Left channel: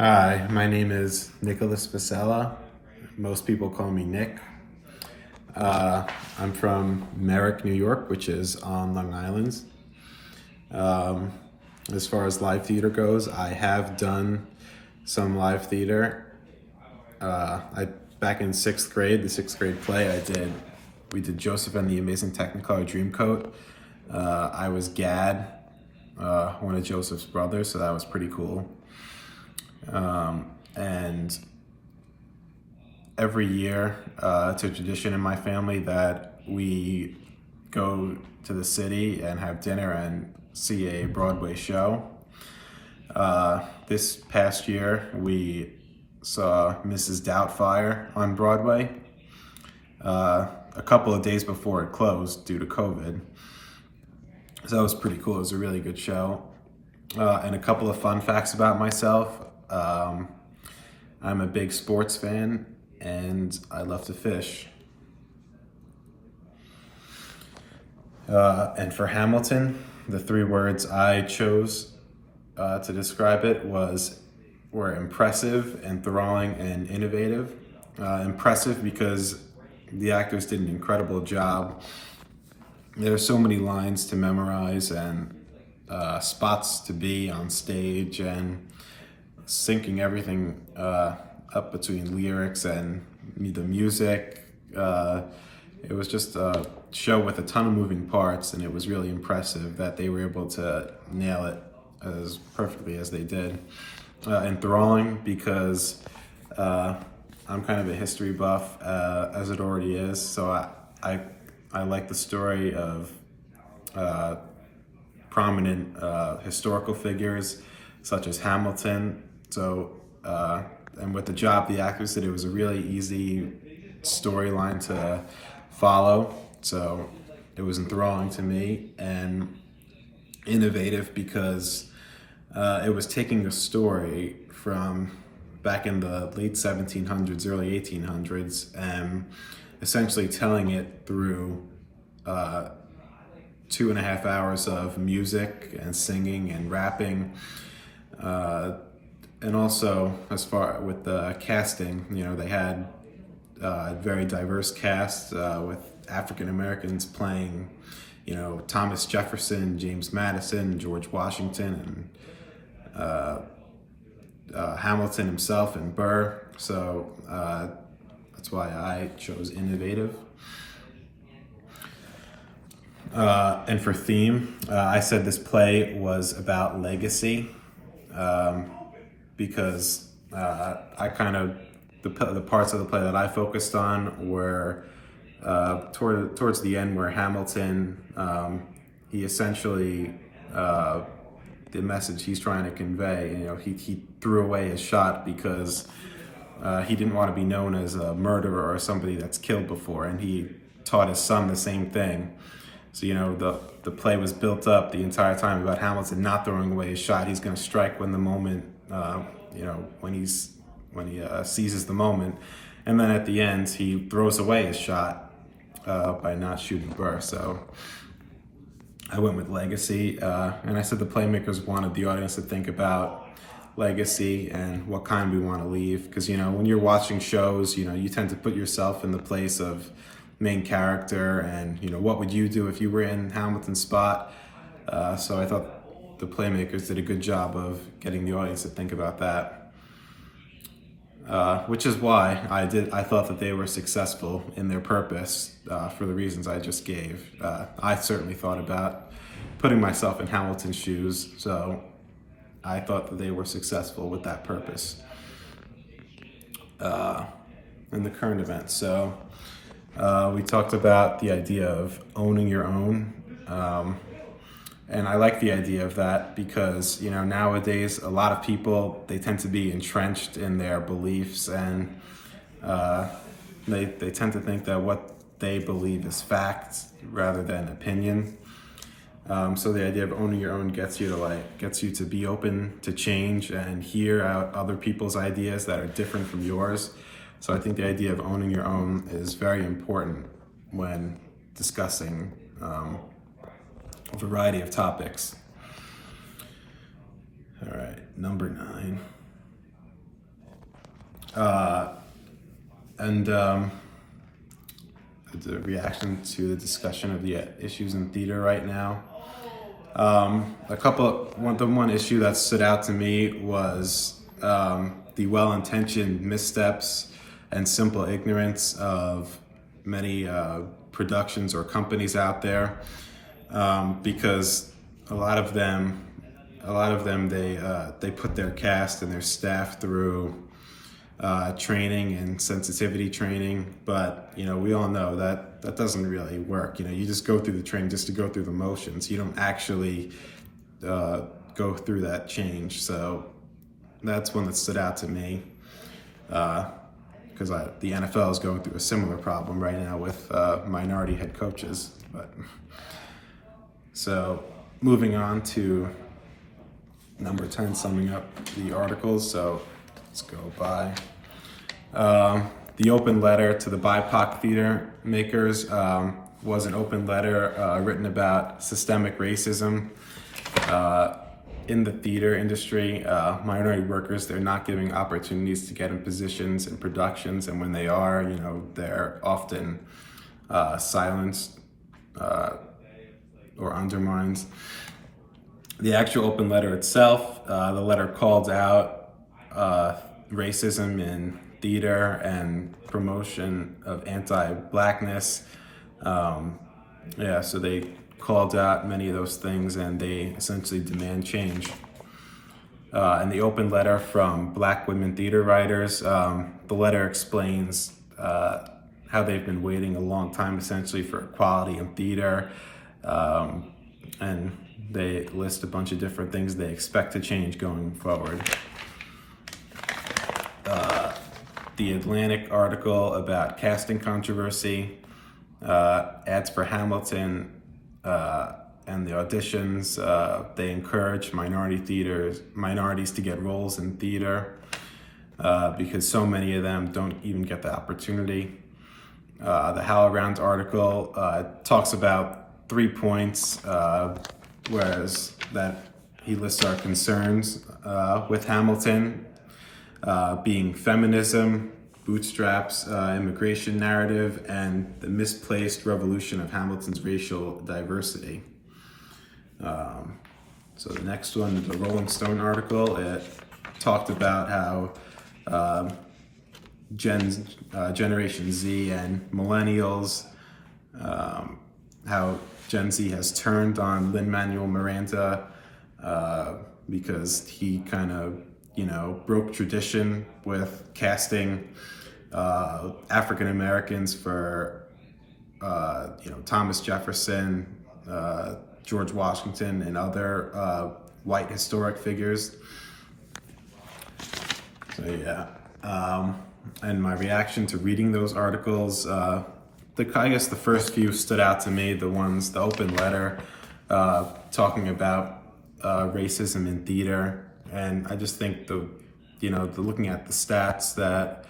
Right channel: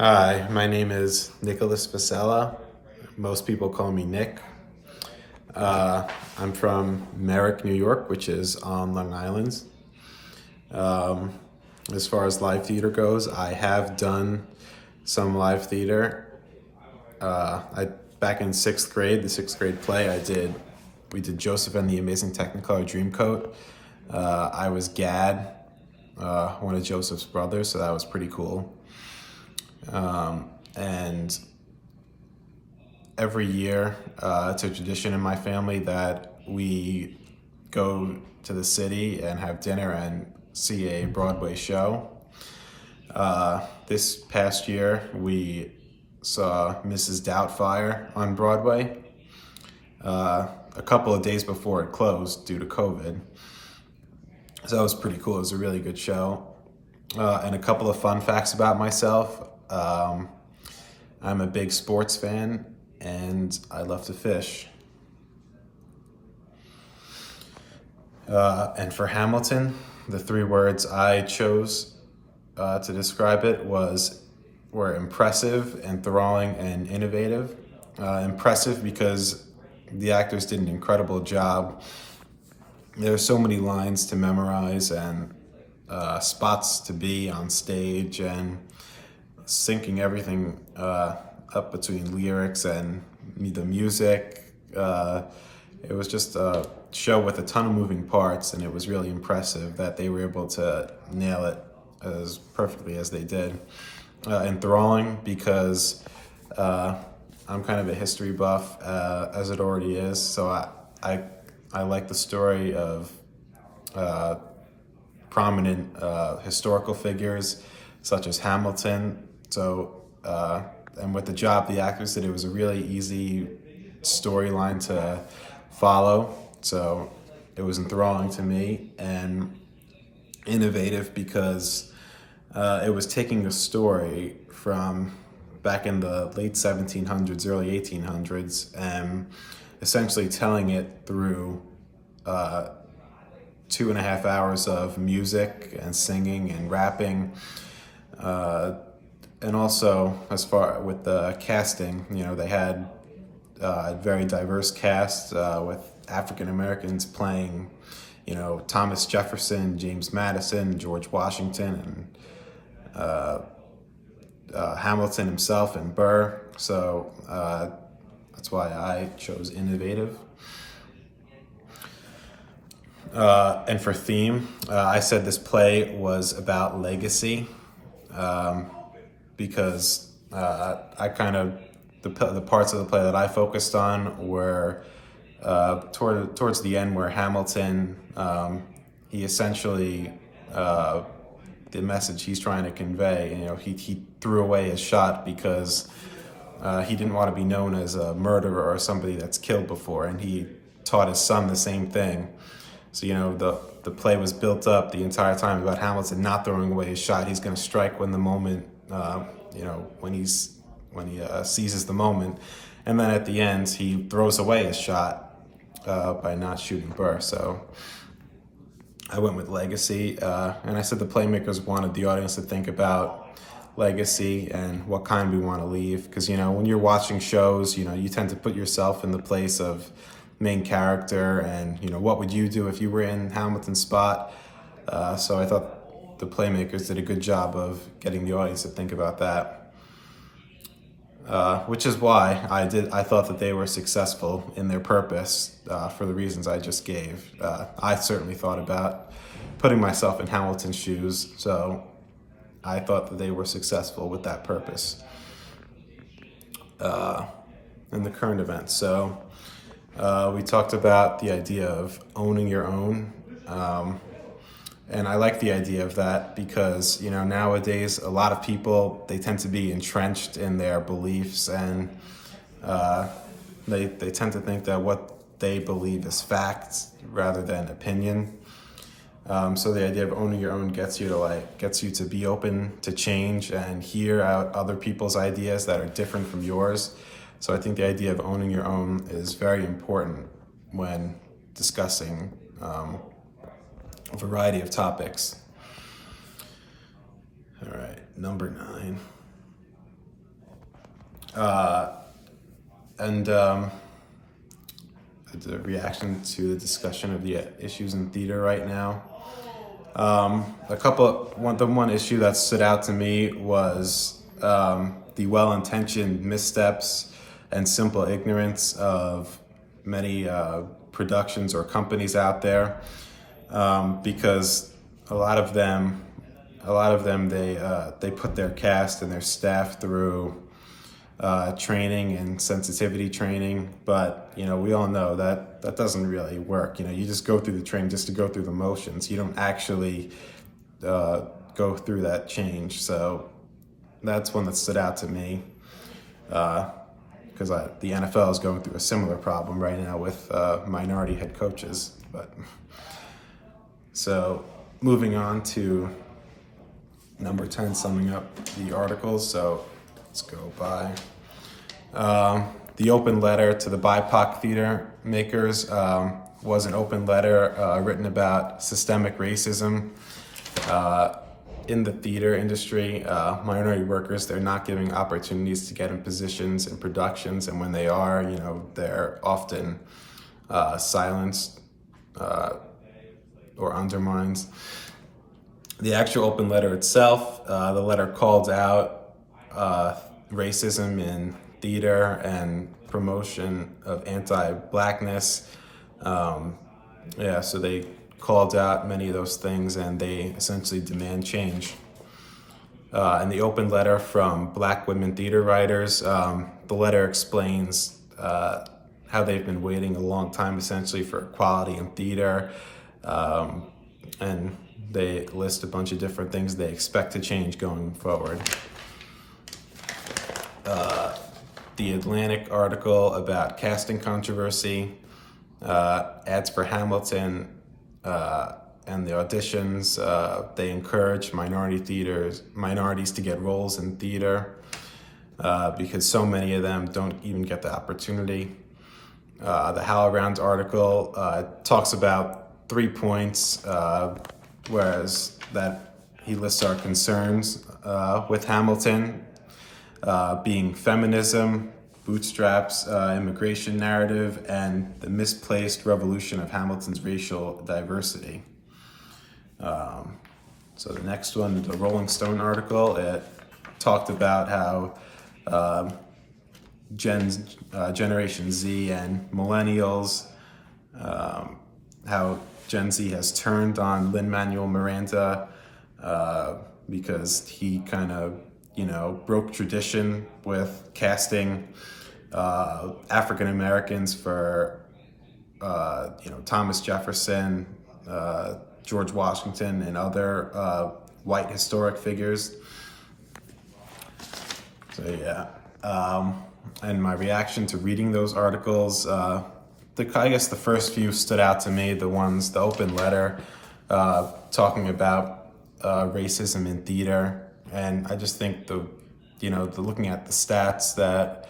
Hi, my name is Nicholas Vasella. Most people call me Nick. I'm from Merrick, New York, which is on Long Island. As far as live theater goes, I have done some live theater. I back in sixth grade, the sixth grade play we did Joseph and the Amazing Technicolor Dreamcoat. I was Gad, one of Joseph's brothers, so that was pretty cool. And every year, it's a tradition in my family that we go to the city and have dinner and see a Broadway show. This past year, we saw Mrs. Doubtfire on Broadway a couple of days before it closed due to COVID. So that was pretty cool. It was a really good show. And a couple of fun facts about myself. I'm a big sports fan and I love to fish. And for Hamilton, the three words I chose to describe it were impressive, enthralling, and innovative. Impressive because the actors did an incredible job. There are so many lines to memorize and spots to be on stage, and syncing everything up between lyrics and the music. It was just a show with a ton of moving parts, and it was really impressive that they were able to nail it as perfectly as they did. Enthralling because I'm kind of a history buff, as it already is, so I like the story of prominent historical figures such as Hamilton. So, and with the job the actors did, it was a really easy storyline to follow. So it was enthralling to me, and innovative because it was taking a story from back in the late 1700s, early 1800s, and essentially telling it through 2.5 hours of music and singing and rapping. And also, as far with the casting, they had a very diverse cast with African Americans playing, Thomas Jefferson, James Madison, George Washington, and Hamilton himself and Burr. So that's why I chose innovative. And for theme, I said this play was about legacy, because I kind of the parts of the play that I focused on were towards the end, where Hamilton, he essentially, the message he's trying to convey, he threw away his shot because he didn't want to be known as a murderer or somebody that's killed before, and he taught his son the same thing. So, the play was built up the entire time about Hamilton not throwing away his shot. He's going to strike when the moment, when he seizes the moment. And then at the end, he throws away his shot by not shooting Burr. So I went with legacy. And I said the playmakers wanted the audience to think about legacy and what kind we want to leave. Because, when you're watching shows, you tend to put yourself in the place of main character, and what would you do if you were in Hamilton's spot. So I thought the playmakers did a good job of getting the audience to think about that, which is why I thought that they were successful in their purpose, for the reasons I just gave. I certainly thought about putting myself in Hamilton's shoes, so I thought that they were successful with that purpose in the current events. So we talked about the idea of owning your own. And I like the idea of that because, nowadays a lot of people, they tend to be entrenched in their beliefs, and they tend to think that what they believe is fact rather than opinion. So the idea of owning your own gets you to be open to change and hear out other people's ideas that are different from yours. So I think the idea of owning your own is very important when discussing a variety of topics. All right, number 9. And the reaction to the discussion of the issues in theater right now. The one issue that stood out to me was the well-intentioned missteps and simple ignorance of many productions or companies out there, because a lot of them they put their cast and their staff through training and sensitivity training, but we all know that doesn't really work. You just go through the training just to go through the motions. You don't actually go through that change. So that's one that stood out to me, because the NFL is going through a similar problem right now with minority head coaches. But so moving on to number 10, summing up the articles. So let's go by. The open letter to the BIPOC theater makers was an open letter written about systemic racism in the theater industry. Minority workers, they're not giving opportunities to get in positions in productions, and when they are, they're often silenced or undermined. The actual open letter itself, the letter called out racism in theater and promotion of anti-Blackness. So they called out many of those things, and they essentially demand change. In the open letter from Black women theater writers, the letter explains how they've been waiting a long time essentially for equality in theater, and they list a bunch of different things they expect to change going forward. The Atlantic article about casting controversy, ads for Hamilton, and the auditions, they encourage minorities to get roles in theater, because so many of them don't even get the opportunity. The HowlRound article talks about 3 points, whereas that he lists our concerns with Hamilton, being feminism, bootstraps, immigration narrative, and the misplaced revolution of Hamilton's racial diversity. So the next one, the Rolling Stone article, it talked about how Generation Z and millennials, how Gen Z has turned on Lin-Manuel Miranda because he kind of, broke tradition with casting African Americans for, Thomas Jefferson, George Washington, and other white historic figures. So yeah, and my reaction to reading those articles, I guess the first few stood out to me. The open letter talking about racism in theater, and I just think looking at the stats that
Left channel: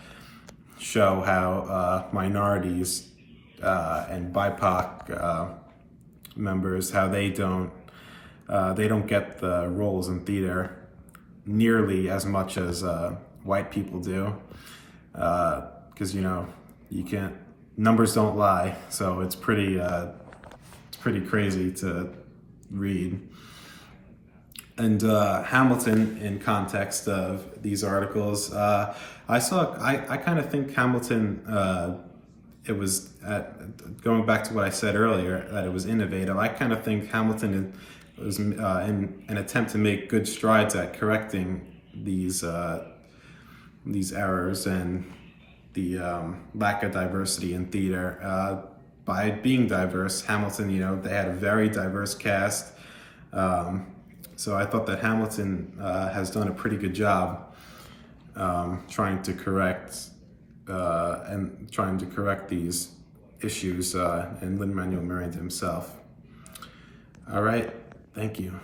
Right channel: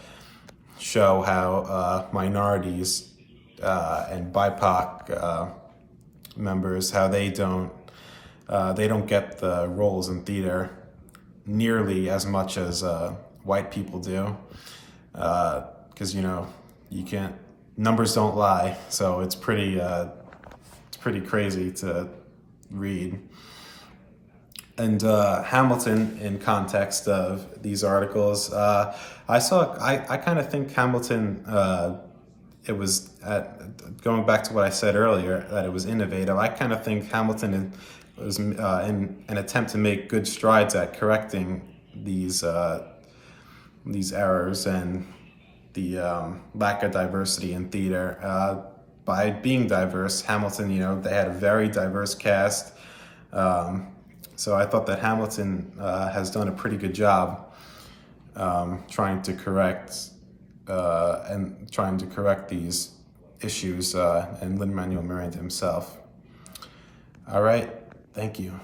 show how minorities and BIPOC members, how they don't get the roles in theater nearly as much as white people do, because you can't, numbers don't lie, so it's pretty crazy to read. And Hamilton, in context of these articles, I kind of think Hamilton, it was, going back to what I said earlier, that it was innovative. I kind of think Hamilton was in an attempt to make good strides at correcting these errors and the lack of diversity in theater. By being diverse, Hamilton, they had a very diverse cast. So I thought that Hamilton has done a pretty good job trying to correct these issues, and Lin-Manuel Miranda himself. All right, thank you.